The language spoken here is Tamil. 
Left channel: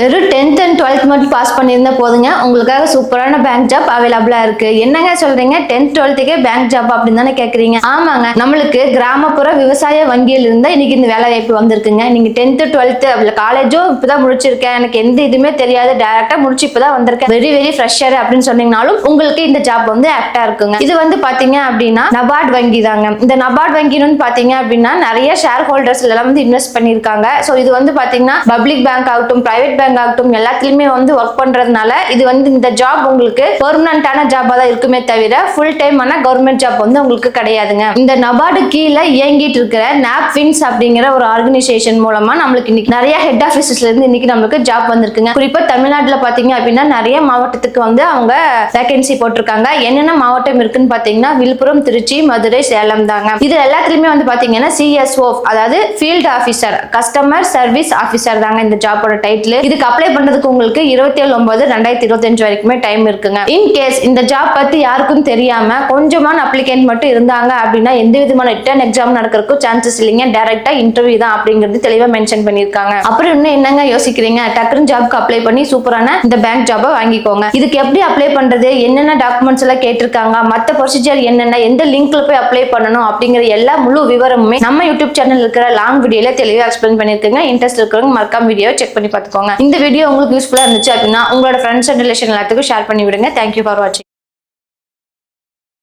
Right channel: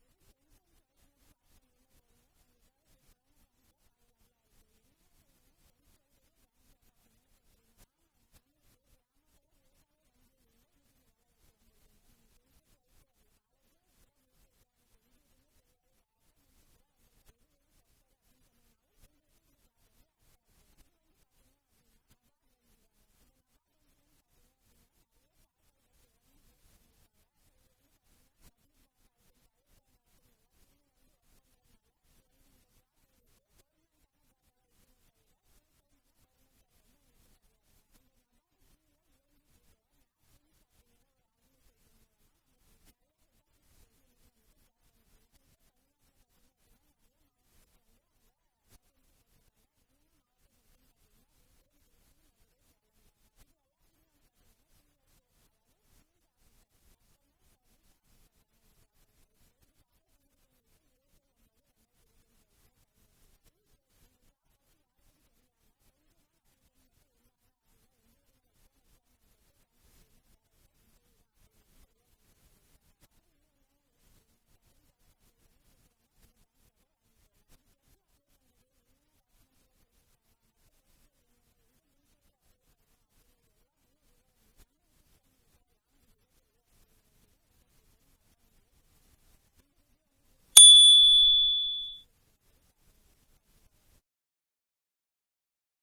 வெறும் 10th and 12th மட்டும் பாஸ் பண்ணியிருந்தா போதுங்க உங்களுக்காக சூப்பரான பேங்க் ஜாப் அவைலபிளா இருக்கு. என்னங்க சொல்றீங்க 10th 12th பேங்க் ஜாப் அப்படின்னு தானே கேக்குறீங்க? ஆமாங்க, நம்மளுக்கு கிராமப்புற விவசாய வங்கியில் இருந்தா இன்னைக்கு இந்த வேலை வாய்ப்பு வந்திருக்குங்க. நீங்க 10th 12th காலேஜும் இப்பதான் முடிச்சிருக்கேன், எனக்கு எந்த இதுவுமே தெரியாது, டைரக்டா முடிச்சு இப்பதான் வந்திருக்கேன், வெரி வெரி ஃப்ரெஷர் அப்படின்னு சொன்னீங்கனாலும் உங்களுக்கு இந்த ஜாப் வந்து ஆக்டா இருக்குங்க. இது வந்து பாத்தீங்க அப்படின்னா நபார்ட் வங்கி தாங்க. இந்த நபார்ட் வங்கின்னு பாத்தீங்க அப்படின்னா நிறைய ஷேர் ஹோல்டர்ஸ் எல்லாம் வந்து இன்வெஸ்ட் பண்ணிருக்காங்க. சோ இது வந்து பாத்தீங்கன்னா பப்ளிக் பேங்க் ஆகட்டும், பிரைவேட் பேங்க் ஆகட்டும், எல்லாத்துலயுமே வந்து ஒர்க் பண்றதுனால இது வந்து இந்த ஜாப் உங்களுக்கு பெர்மனன்டான ஜாபா தான் இருக்குமே தவிர ஃபுல் டைம் ஆன கவர்மெண்ட் ஜாப் வந்து உங்களுக்கு கிடையாதுங்க. இந்த நபார்டு கீழே இயங்கிட்டு இருக்கிற நாப்ஃபின்ஸ் அப்படிங்கிற ஒரு ஆர்கனைசேஷன் மூலமா நம்மளுக்கு இன்னைக்கு நிறைய ஹெட் ஆபீசஸ்ல இருந்து இன்னைக்கு நம்மளுக்கு ஜாப் வந்திருக்குங்க. குறிப்பா தமிழ்நாட்டுல பாத்தீங்க அப்படின்னா நிறைய மாவட்டத்துக்கு வந்து அவங்க வேகன்சி போட்டிருக்காங்க. என்னென்ன மாவட்டம் இருக்குன்னு பாத்தீங்கன்னா விழுப்புரம், திருச்சி, மதுரை, சேலம் தாங்க. இது எல்லாத்துலயுமே வந்து பாத்தீங்கன்னா CSO, அதாவது field officer, customer service officer தாங்க இந்த ஜாபோட டைட்டில். இதுக்கு அப்ளை பண்றதுக்கு உங்களுக்கு 27/9/2025 வரைக்குமே டைம் இருக்குங்க. இன் கேஸ் இந்த ஜாப் பத்தி யாருக்கும் தெரியாம கொஞ்சமான அப்ளிகேண்ட் மட்டும் இருந்தாங்க அப்படின்னா எந்த விதமான ரிட்டன் எக்ஸாம் நடக்கிறதுக்கு சான்சஸ் இல்லைங்க, டைரக்டா இன்டர்வியூ தான் அப்படிங்கிறது தெளிவா மென்ஷன் பண்ணிருக்காங்க. அப்புறம் இன்னும் என்னங்க யோசிக்கிறீங்க, டக்குனு ஜாப்க்கு அப்ளை பண்ணி சூப்பரான இந்த பேங்க் ஜாபை வாங்கிக்கோங்க. இதுக்கு எப்படி அப்ளை பண்றது, என்னென்ன டாக்குமெண்ட்ஸ் எல்லாம் கேட்டிருக்காங்க, மத்த ப்ரொசீஜர் என்னென்ன, எந்த லிங்க்ல போய் அப்ளை பண்ணணும் அப்படிங்கிற எல்லா முழு விவரமுமே நம்ம யூடியூப் சேனல் இருக்கிற லாங் வீடியோல தெளிவா எக்ஸ்பிளைன் பண்ணிருக்கேங்க. இன்ட்ரெஸ்ட் இருக்கிறவங்க மறக்காம வீடியோ செக் பண்ணி பார்த்துக்கோங்க. இந்த வீடியோ உங்களுக்கு யூஸ்ஃபுல்லா இருந்துச்சு அப்படின்னா உங்களோட ஃப்ரெண்ட்ஸ் அண்ட் ரிலேஷன் எல்லாத்துக்கும் ஷேர் பண்ணி விடுங்க. தேங்க்யூ ஃபார் வாட்சிங்.